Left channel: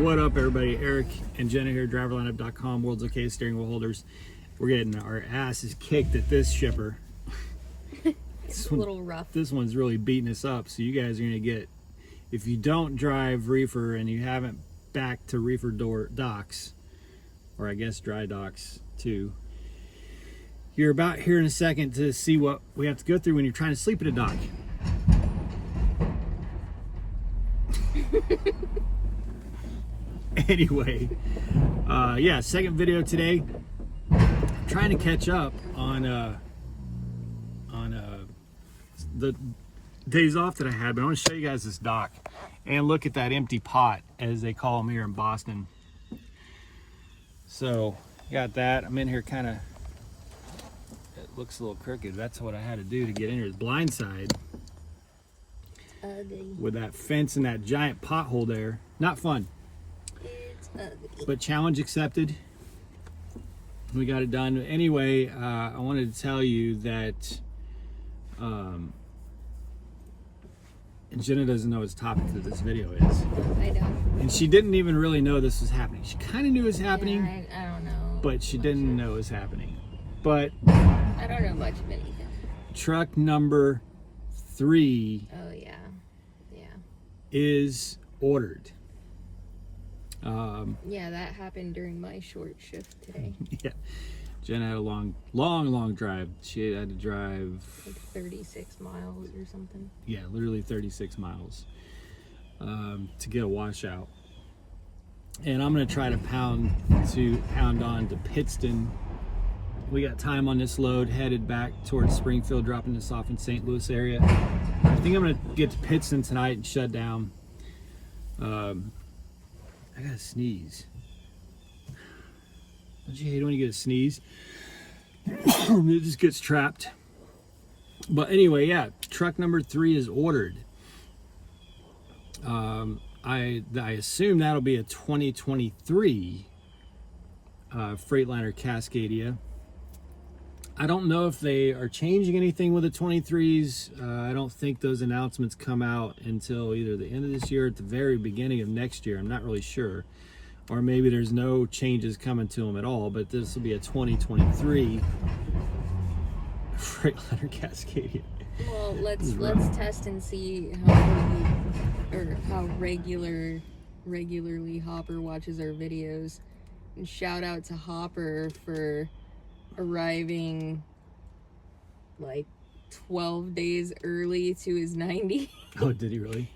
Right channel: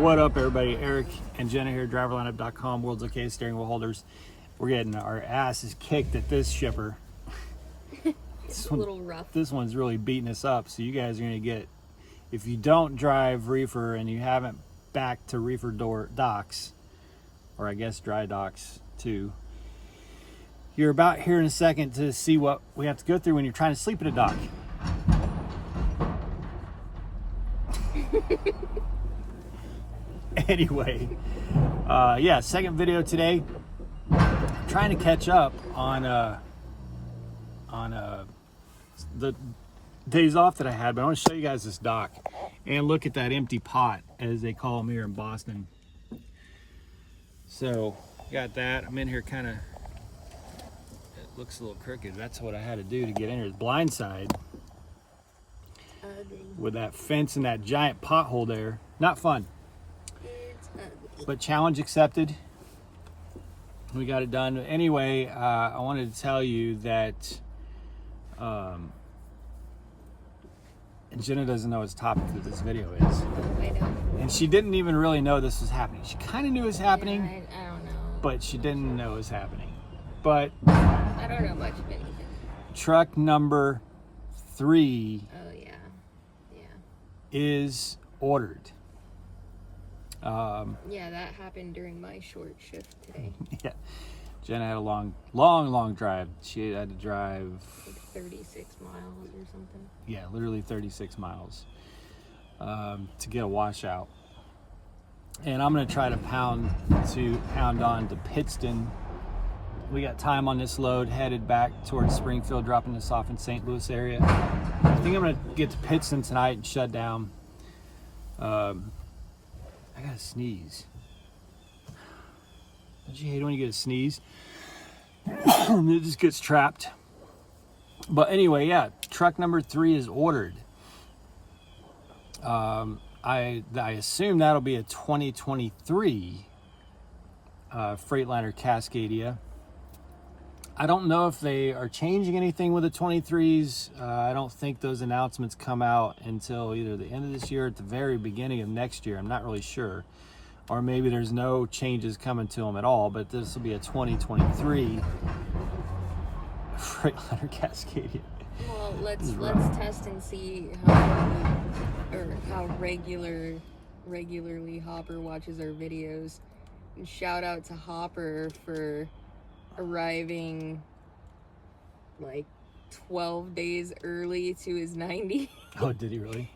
What up, everybody? Eric and Jenna here, driverlineup.com, world's okay steering wheel holders. We're getting our asses kicked at this shipper. It's a little rough. This one's really beating us up, so you guys are going to get, if you don't drive reefer and you haven't backed to reefer docks, or I guess dry docks too, you're about here in a second to see what we have to go through when you're trying to sleep at a dock. Anyway, yeah, second video today. I'm trying to catch up on the days off that I had, but I want to show you guys this dock and look at that empty pot, as they call them here in Boston. So got that. I'm in here, kind of, it looks a little crooked. That's what I had to do to get in here. It's blindside with that fence and that giant pothole there. Not fun. But challenge accepted. We got it done. Anyway, I wanted to tell you that and Jenna doesn't know what the topic of this video is. I don't. And she didn't even really know this was happening. She kind of knew it was happening. Yeah, I don't know. But she didn't know it was happening. But I don't know much of anything. Truck number 3 Oh yeah. Yeah. is ordered. Yeah, that happened during my short shift today. Yeah, Jenna had a long drive. She had to drive Like 36 miles or something. yeah, literally 36 miles to get a washout. And I'm gonna try to pound on to Pittston. We got time on this load, headed back towards Springfield, dropping this off in St. Louis area. I think I'm gonna get to Pittston tonight and shut down. I gotta sneeze. Don't you hate when you get a sneeze? It just gets trapped. But anyway, yeah, truck number 3 is ordered. I assume that'll be a 2023 Freightliner Cascadia. I don't know if they are changing anything with the 23s. I don't think those announcements come out until either the end of this year or at the very beginning of next year. I'm not really sure. Or maybe there's no changes coming to them at all, but this will be a 2023 Freightliner Cascadia. Well, let's test and see how regularly Hopper watches our videos. And shout out to Hopper for arriving like 12 days early to his 90. Oh, did he really?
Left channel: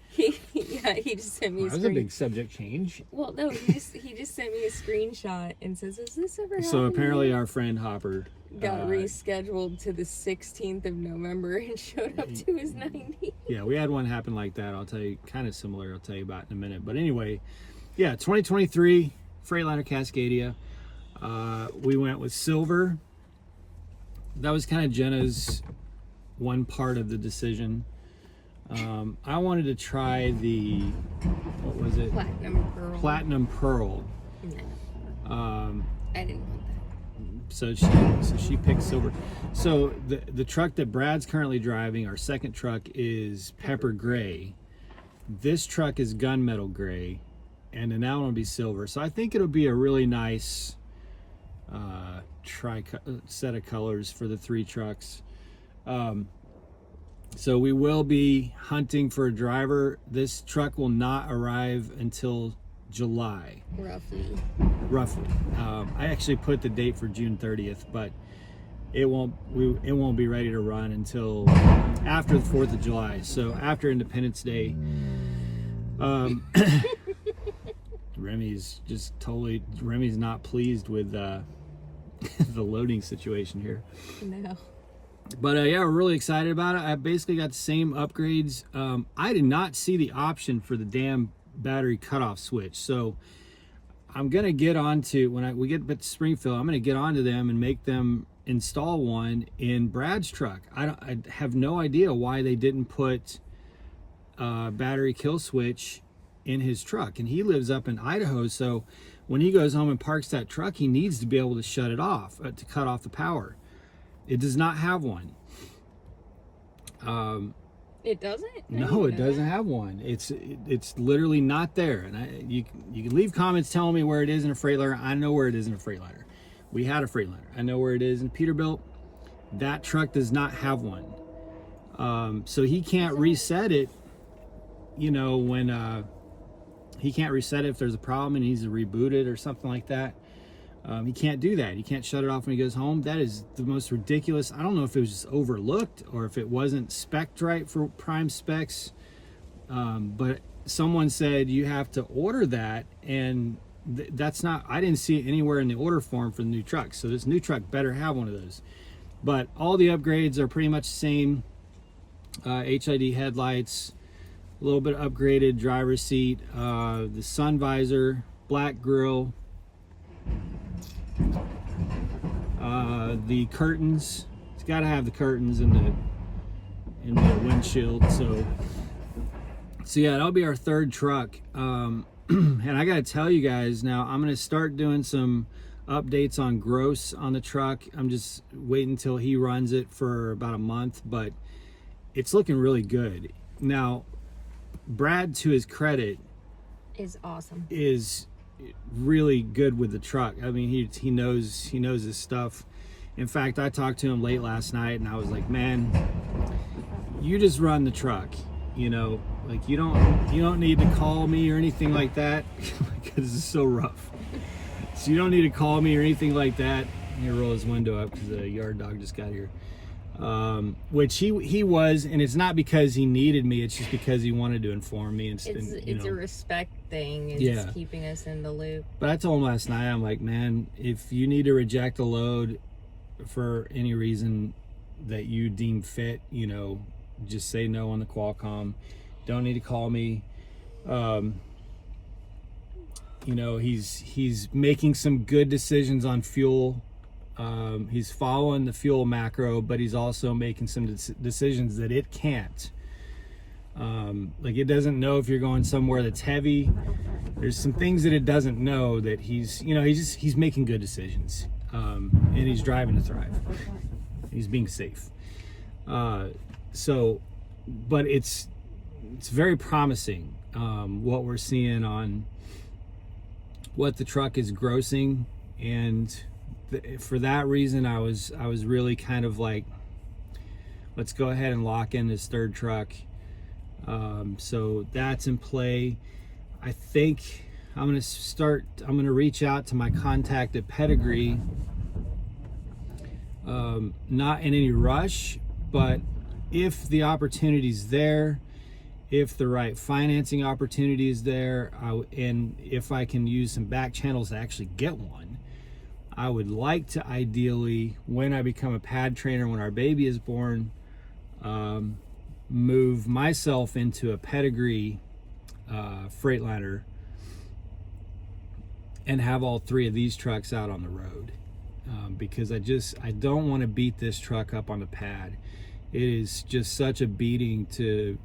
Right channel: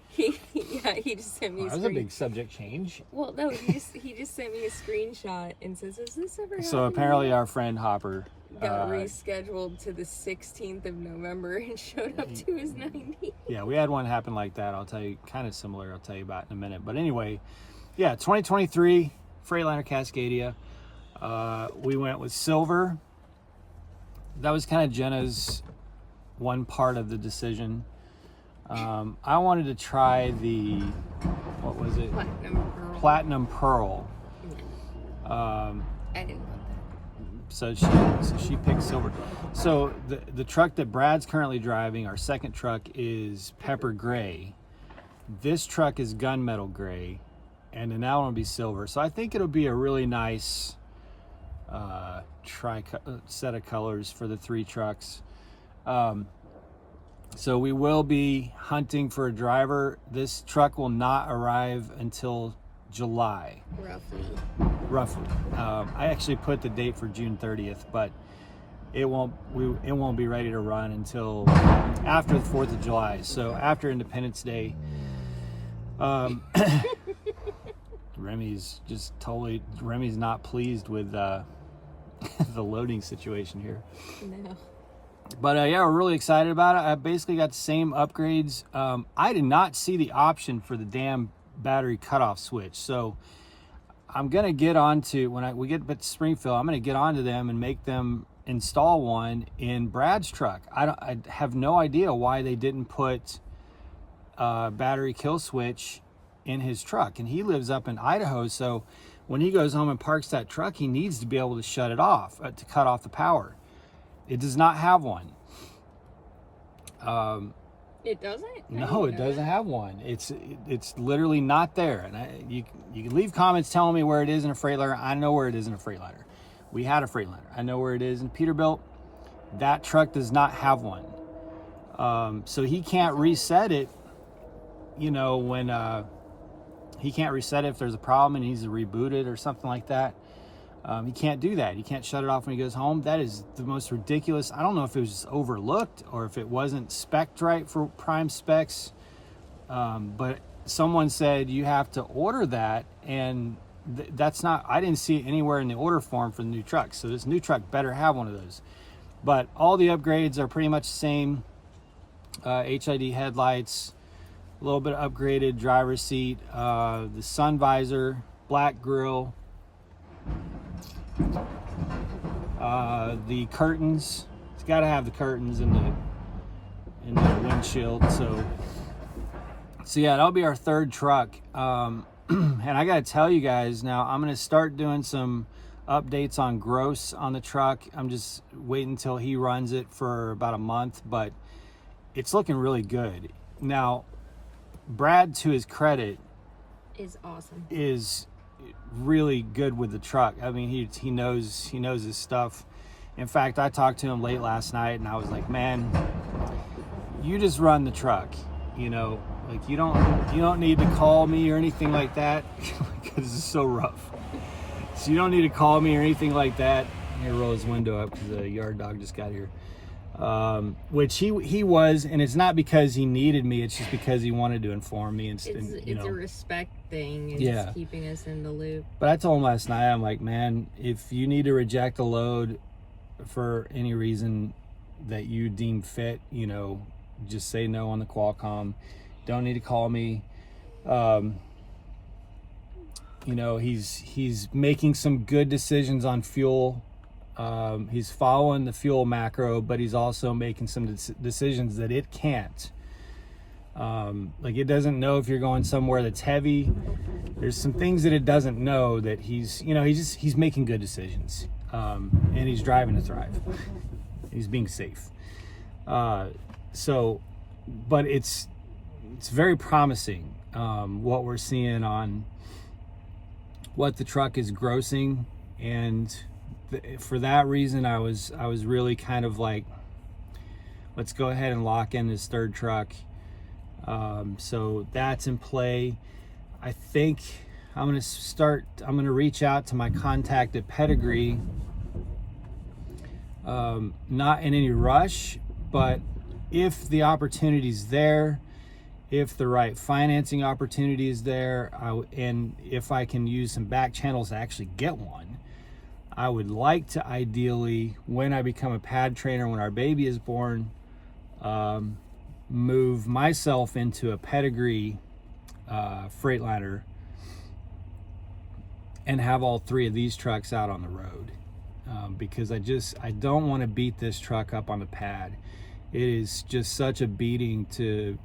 Yeah, he just sent me a That was a big subject change. Well, no, he just sent me a screenshot and says, "Has this ever happened?" So apparently our friend Hopper got rescheduled to the 16th of November and showed up to his 90. Yeah, we had one happen like that. I'll tell you, kind of similar. I'll tell you about in a minute. But anyway, yeah, 2023 Freightliner Cascadia. We went with silver. That was kind of Jenna's one part of the decision. I wanted to try the, what was it? Platinum Pearl. Platinum Pearl. No. I didn't want that. So she picked silver. So the truck that Brad's currently driving, our second truck, is pepper gray. This truck is gunmetal gray, and then that one will be silver. So I think it'll be a really nice set of colors for the 3 trucks. So we will be hunting for a driver. This truck will not arrive until July. Roughly. I actually put the date for June 30th, but it won't be ready to run until after the 4th of July. So after Independence Day. Remy's not pleased with the loading situation here. No. But yeah, we're really excited about it. I basically got the same upgrades. I did not see the option for the damn battery cutoff switch, so I'm gonna get onto, when we get to Springfield, I'm gonna get onto them and make them install one in Brad's truck. I have no idea why they didn't put a battery kill switch in his truck, and he lives up in Idaho, so when he goes home and parks that truck, he needs to be able to shut it off, to cut off the power. It does not have one. It doesn't? No, it doesn't have one. It's literally not there. And you can leave comments telling me where it is in a Freightliner. I know where it is in a Freightliner. We had a Freightliner. I know where it is in Peterbilt. That truck does not have one. So he can't reset it, you know, when he can't reset it if there's a problem and he needs to reboot it or something like that. He can't do that. He can't shut it off when he goes home. That is the most ridiculous. I don't know if it was just overlooked or if it wasn't spec'd right for prime specs. But someone said you have to order that, and that's not, I didn't see it anywhere in the order form for the new truck. So this new truck better have one of those. But all the upgrades are pretty much the same. HID headlights, a little bit upgraded driver's seat, the sun visor, black grille, the curtains. It's got to have the curtains in the windshield. So yeah, that'll be our third truck. And I got to tell you guys now, I'm going to start doing some updates on gross on the truck. I'm just waiting until he runs it for about a month, but it's looking really good. Now, Brad, to his credit, is awesome. Is really good with the truck. I mean, he knows his stuff. In fact, I talked to him late last night and I was like, man, you just run the truck, you know, like you don't need to call me or anything like that because it's so rough. So you don't need to call me or anything like that. He roll his window up because the yard dog just got here. Which he was, and it's not because he needed me, it's just because he wanted to inform me. It's a respect thing. It's yeah, keeping us in the loop. But I told him last night, I'm like, man, if you need to reject a load for any reason that you deem fit, you know, just say no on the Qualcomm. Don't need to call me. You know, he's making some good decisions on fuel. He's following the fuel macro, but he's also making some decisions that it can't. Like it doesn't know if you're going somewhere that's heavy. There's some things that it doesn't know that he's making good decisions. And he's driving to thrive. He's being safe. So, but it's very promising, what we're seeing on what the truck is grossing, and for that reason I was really kind of like, let's go ahead and lock in this third truck. So that's in play. I think I'm gonna reach out to my contact at Pedigree, not in any rush, but if the opportunity's there, if the right financing opportunity is there, and if I can use some back channels to actually get one, I would like to ideally, when I become a pad trainer, when our baby is born, move myself into a Pedigree Freightliner and have all three of these trucks out on the road, because I don't want to beat this truck up on the pad. It is just such a beating to,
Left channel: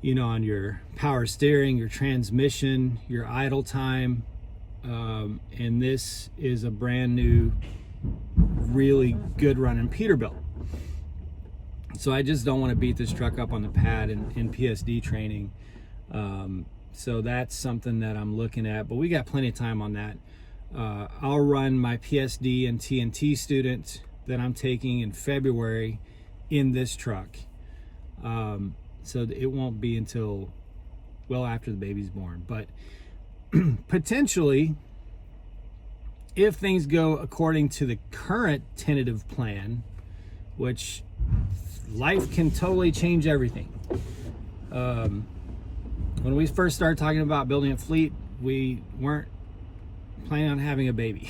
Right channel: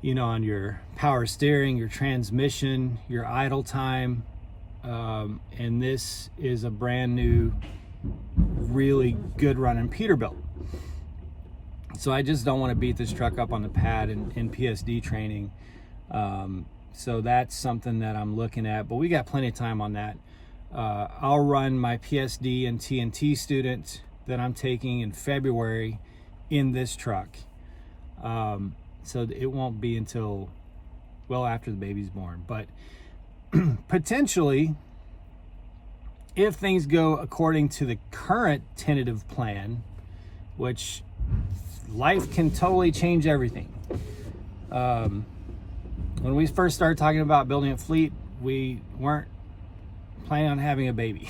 you know, on your power steering, your transmission, your idle time. And this is a brand new, really good running Peterbilt. So I just don't want to beat this truck up on the pad in PSD training. So that's something that I'm looking at, but we got plenty of time on that. I'll run my PSD and TNT student that I'm taking in February in this truck. So it won't be until well after the baby's born, but potentially, if things go according to the current tentative plan, which life can totally change everything. When we first started talking about building a fleet, we weren't planning on having a baby.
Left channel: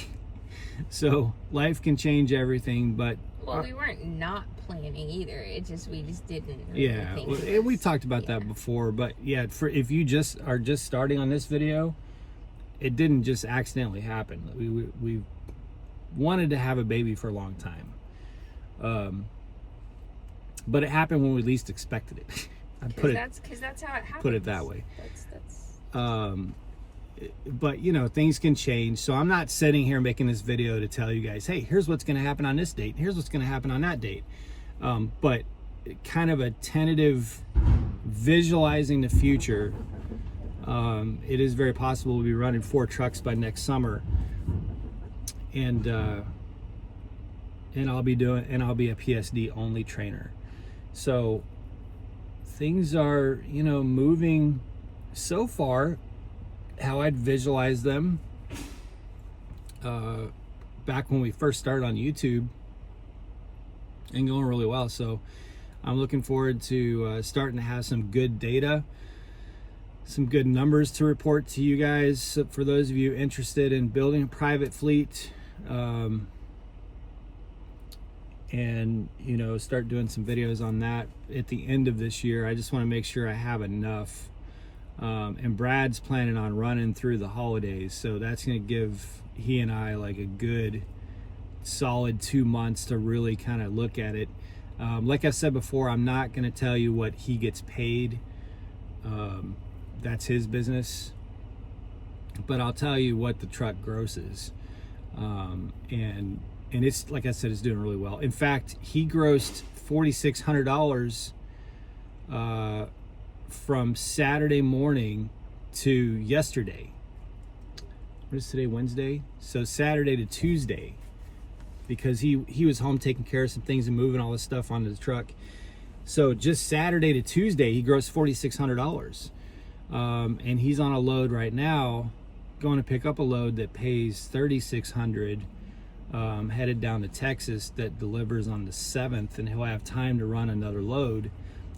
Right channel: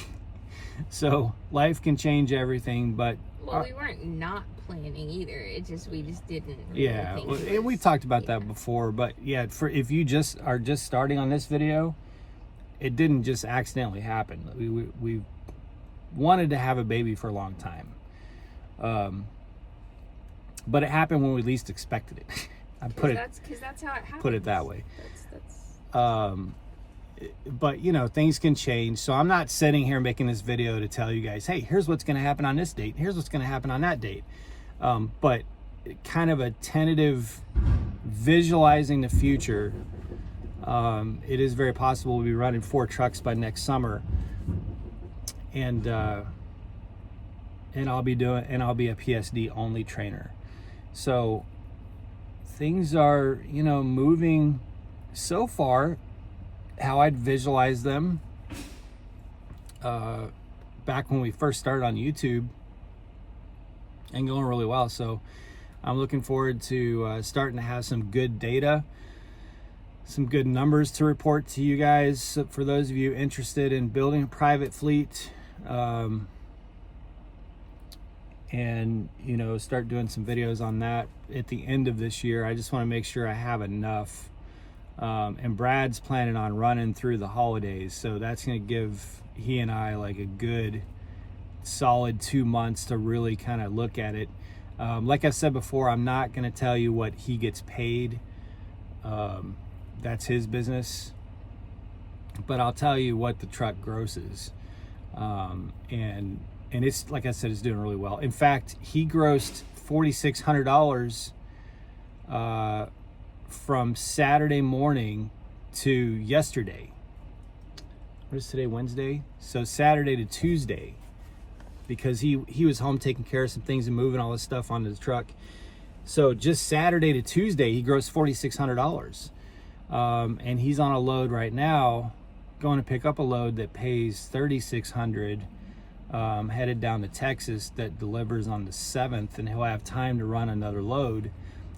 So life can change everything, but well, we weren't not planning either. We just didn't really yeah, think we talked about that before, but yeah, if you just are just starting on this video, it didn't just accidentally happen. We wanted to have a baby for a long time, but it happened when we least expected it. That's how it happens. Put it that way. That's... But you know, things can change. So I'm not sitting here making this video to tell you guys, hey, here's what's going to happen on this date. Here's what's going to happen on that date. But kind of a tentative visualizing the future. It is very possible we'll be running 4 trucks by next summer, and I'll be a PSD only trainer. So things are, you know, moving so far how I'd visualize them back when we first started on YouTube, and going really well. So I'm looking forward to starting to have some good data, some good numbers to report to you guys. So for those of you interested in building a private fleet, and, you know, start doing some videos on that at the end of this year. I just want to make sure I have enough. And Brad's planning on running through the holidays, so that's going to give he and I like a good solid 2 months to really kind of look at it. Like I said before, I'm not going to tell you what he gets paid. That's his business. But I'll tell you what the truck grosses. And it's, like I said, it's doing really well. In fact, he grossed $4,600 from Saturday morning to yesterday. What is today, Wednesday? So Saturday to Tuesday, because he was home taking care of some things and moving all this stuff onto the truck. So just Saturday to Tuesday, he grossed $4,600. And he's on a load right now, going to pick up a load that pays $3,600. Headed down to Texas, that delivers on the 7th, and he'll have time to run another load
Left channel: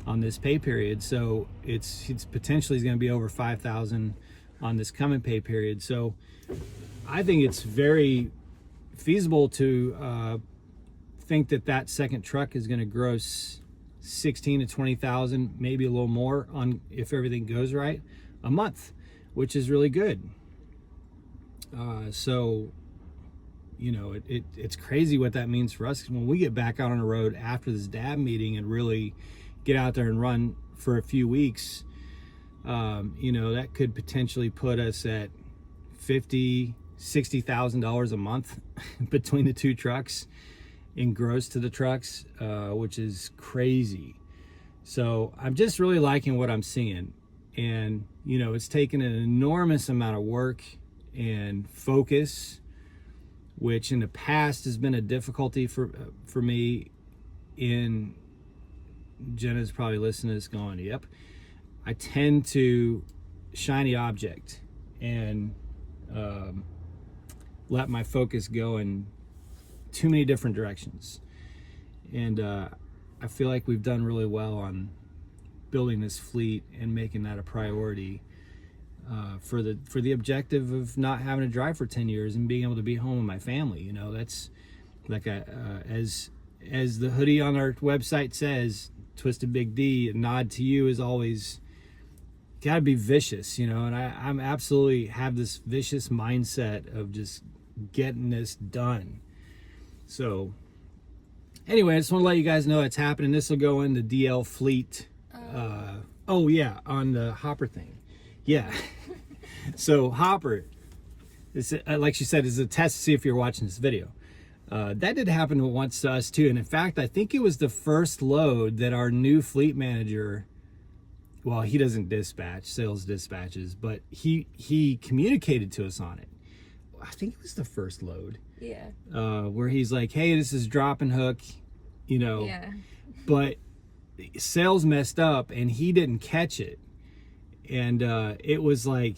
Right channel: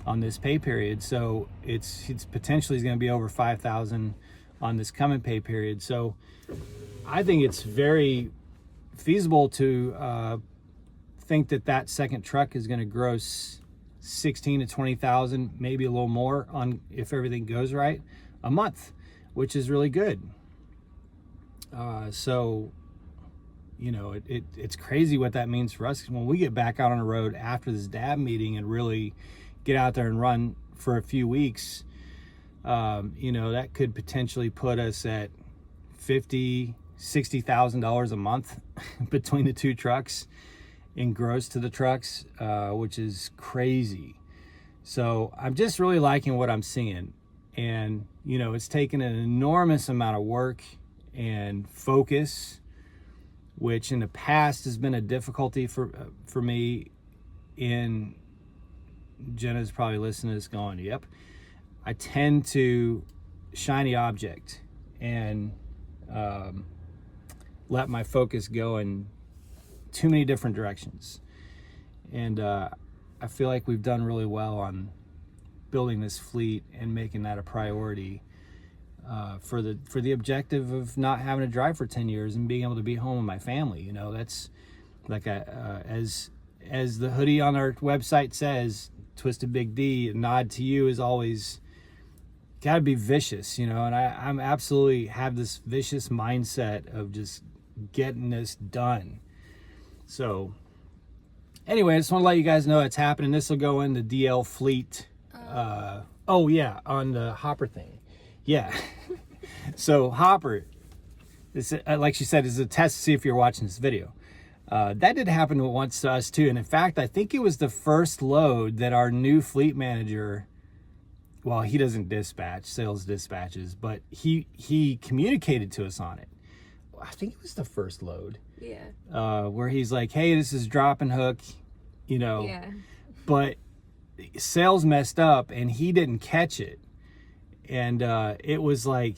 on this pay period. So it's potentially going to be over 5,000 on this coming pay period. So I think it's very feasible to think that second truck is going to gross 16 to 20,000, maybe a little more, on if everything goes right, a month, which is really good. So, you know, it's crazy what that means for us. When we get back out on the road after this DAB meeting and really get out there and run for a few weeks, you know, that could potentially put us at $50,000-$60,000 a month between the 2 trucks in gross to the trucks, which is crazy. So I'm just really liking what I'm seeing. And, you know, it's taken an enormous amount of work and focus, which in the past has been a difficulty for me. In Jenna's probably listening to this going, yep, I tend to shiny object and let my focus go in too many different directions. And I feel like we've done really well on building this fleet and making that a priority. For the objective of not having to drive for 10 years and being able to be home with my family. You know, that's like as the hoodie on our website says, Twisted Big D, a nod to you is always got to be vicious, you know, and I'm absolutely have this vicious mindset of just getting this done. So anyway, I just want to let you guys know it's happening. This will go into DL Fleet. Oh yeah, on the Hopper thing. Yeah. So Hopper, this, like she said, is a test to see if you're watching this video. That did happen once to us too. And in fact, I think it was the first load that our new fleet manager, well, he doesn't dispatch, sales dispatches, but he communicated to us on it. I think it was the first load. Yeah. Where he's like, hey, this is drop and hook, you know. Yeah. But sales messed up and he didn't catch it. And it was like,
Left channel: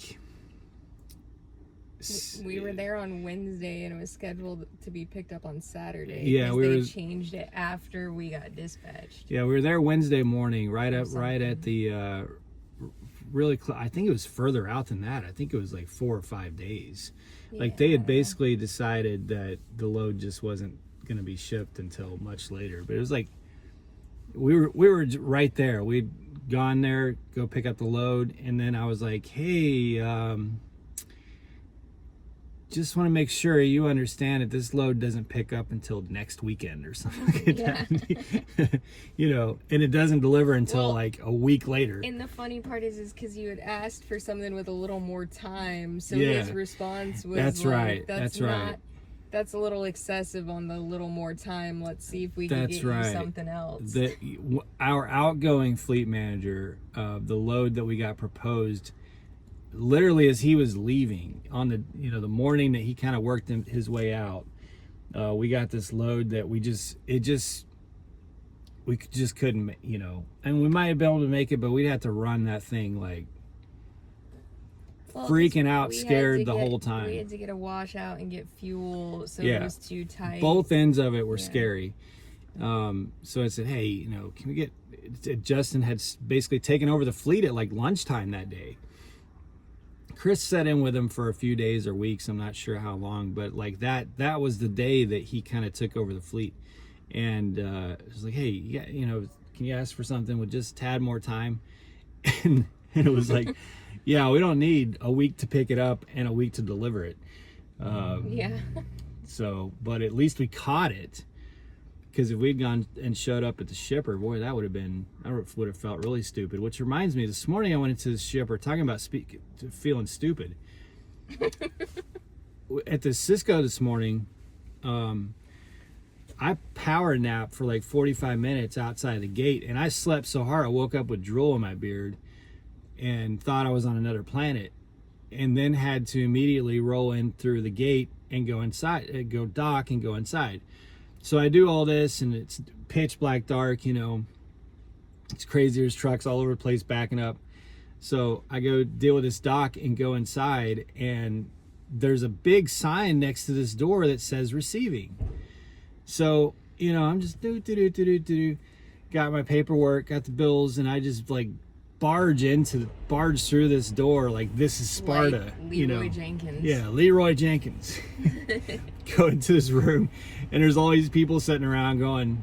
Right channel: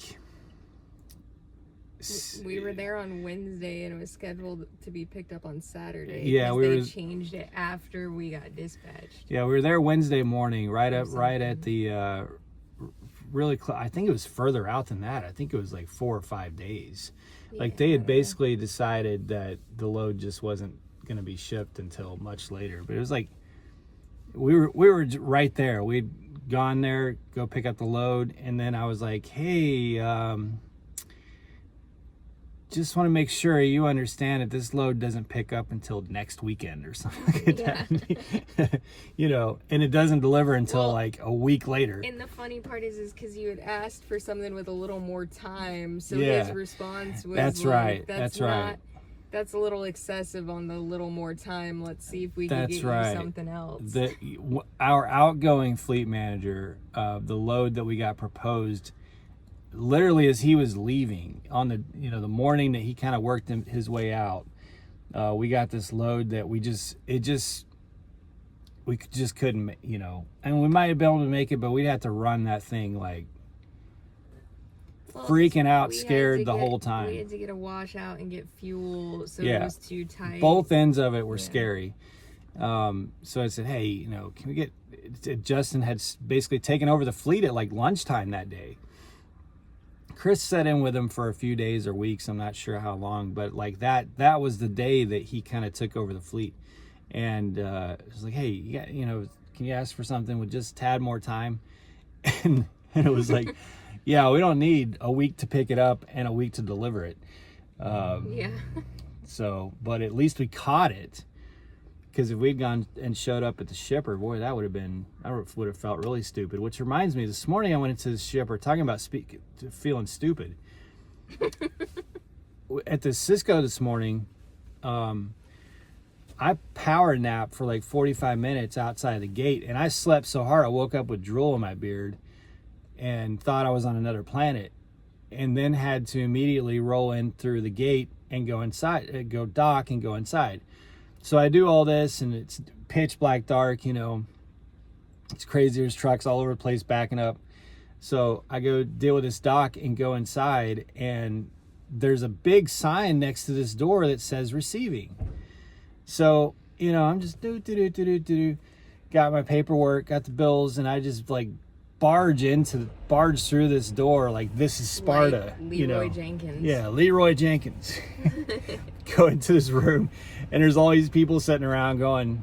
we were there on Wednesday and it was scheduled to be picked up on Saturday. Yeah, they changed it after we got dispatched. Yeah, we were there Wednesday morning, right at the I think it was further out than that. I think it was like 4 or 5 days. Yeah. Like they had basically decided that the load just wasn't going to be shipped until much later. But it was like we were right there. We'd gone there, go pick up the load, and then I was like, hey, just want to make sure you understand that this load doesn't pick up until next weekend or something like that. You know, and it doesn't deliver until like a week later. And the funny part is because you had asked for something with a little more time, so his response was, that's like, right, that's right. that's a little excessive on the little more time. Let's see if we can That's get right. you something else. Our outgoing fleet manager, the load that we got proposed, literally as he was leaving on the the morning that he kind of worked his way out, we got this load that we just couldn't, and we might have been able to make it, but we'd have to run that thing like freaking out, scared the whole time. We had to get a washout and get fuel, so Yeah. it was too tight. Both ends of it were scary. So I said, hey, can we get, Justin had basically taken over the fleet at like lunchtime that day. Chris sat in with him for a few days or weeks, I'm not sure how long, but like that was the day that he kind of took over the fleet. And it was like, hey, can you ask for something with just a tad more time? And it was like, yeah, we don't need a week to pick it up and a week to deliver it. Yeah. So, but at least we caught it. Because if we'd gone and showed up at the shipper, boy, I would have felt really stupid. Which reminds me, this morning I went into the shipper talking about feeling stupid. At the Cisco this morning, I power napped for like 45 minutes outside the gate, and I slept so hard I woke up with drool in my beard and thought I was on another planet, and then had to immediately roll in through the gate and go inside, go dock and go inside. So I do all this, and it's pitch black dark, it's crazy. There's trucks all over the place backing up. So I go deal with this dock and go inside, and there's a big sign next to this door that says receiving. So, I'm just got my paperwork, got the bills, and I just like barge through this door like this is Sparta. Like Leroy Jenkins. Yeah, Leroy Jenkins. Go into this room, and there's all these people sitting around going,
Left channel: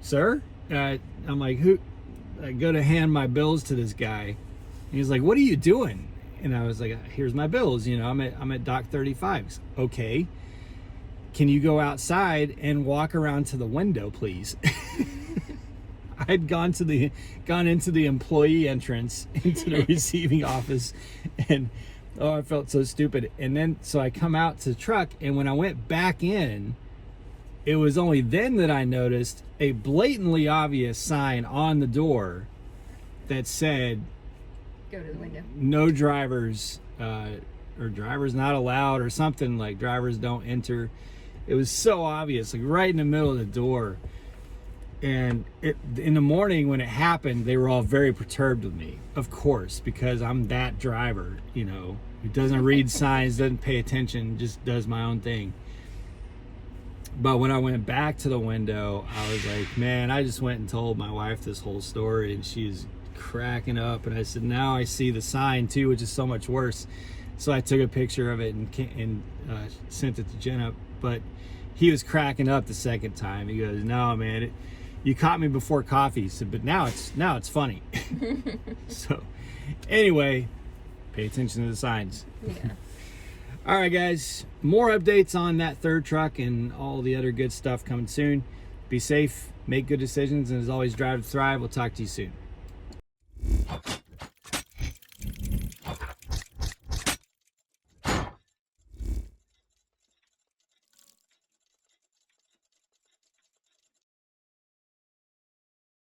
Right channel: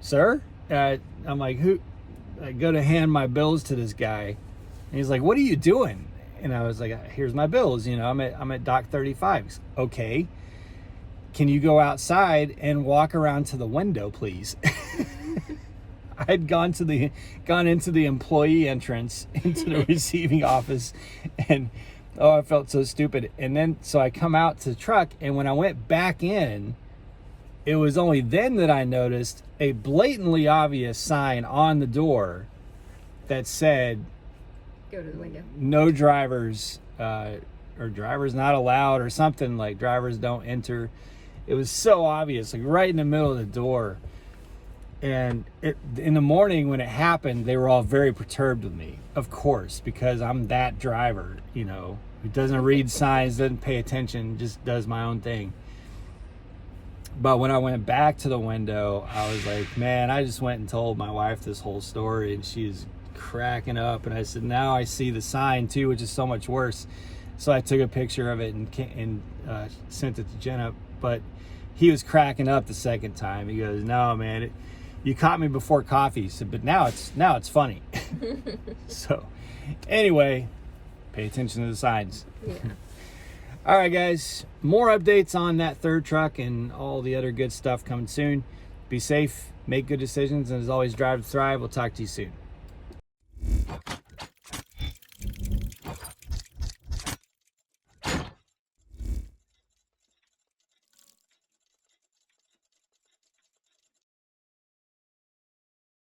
sir? I'm like, who? I go to hand my bills to this guy, and he's like, what are you doing? And I was like, here's my bills. I'm at dock 35. He's like, okay. Can you go outside and walk around to the window, please? I had gone into the employee entrance into the receiving office, and I felt so stupid. And then so I come out to the truck, and when I went back in, it was only then that I noticed a blatantly obvious sign on the door that said, "Go to the window. No drivers, or drivers not allowed," or something like drivers don't enter. It was so obvious, like right in the middle of the door. And in the morning when it happened, they were all very perturbed with me, of course, because I'm that driver, who doesn't read signs, doesn't pay attention, just does my own thing. But when I went back to the window, I was like, man, I just went and told my wife this whole story, and she's cracking up. And I said, now I see the sign too, which is so much worse. So I took a picture of it and sent it to Jenna. But he was cracking up the second time. He goes, no, man, you caught me before coffee. He said, but now it's funny. So anyway, pay attention to the signs. Yeah. All right, guys, more updates on that third truck and all the other good stuff coming soon. Be safe, make good decisions, and as always, drive to thrive. We'll talk to you soon.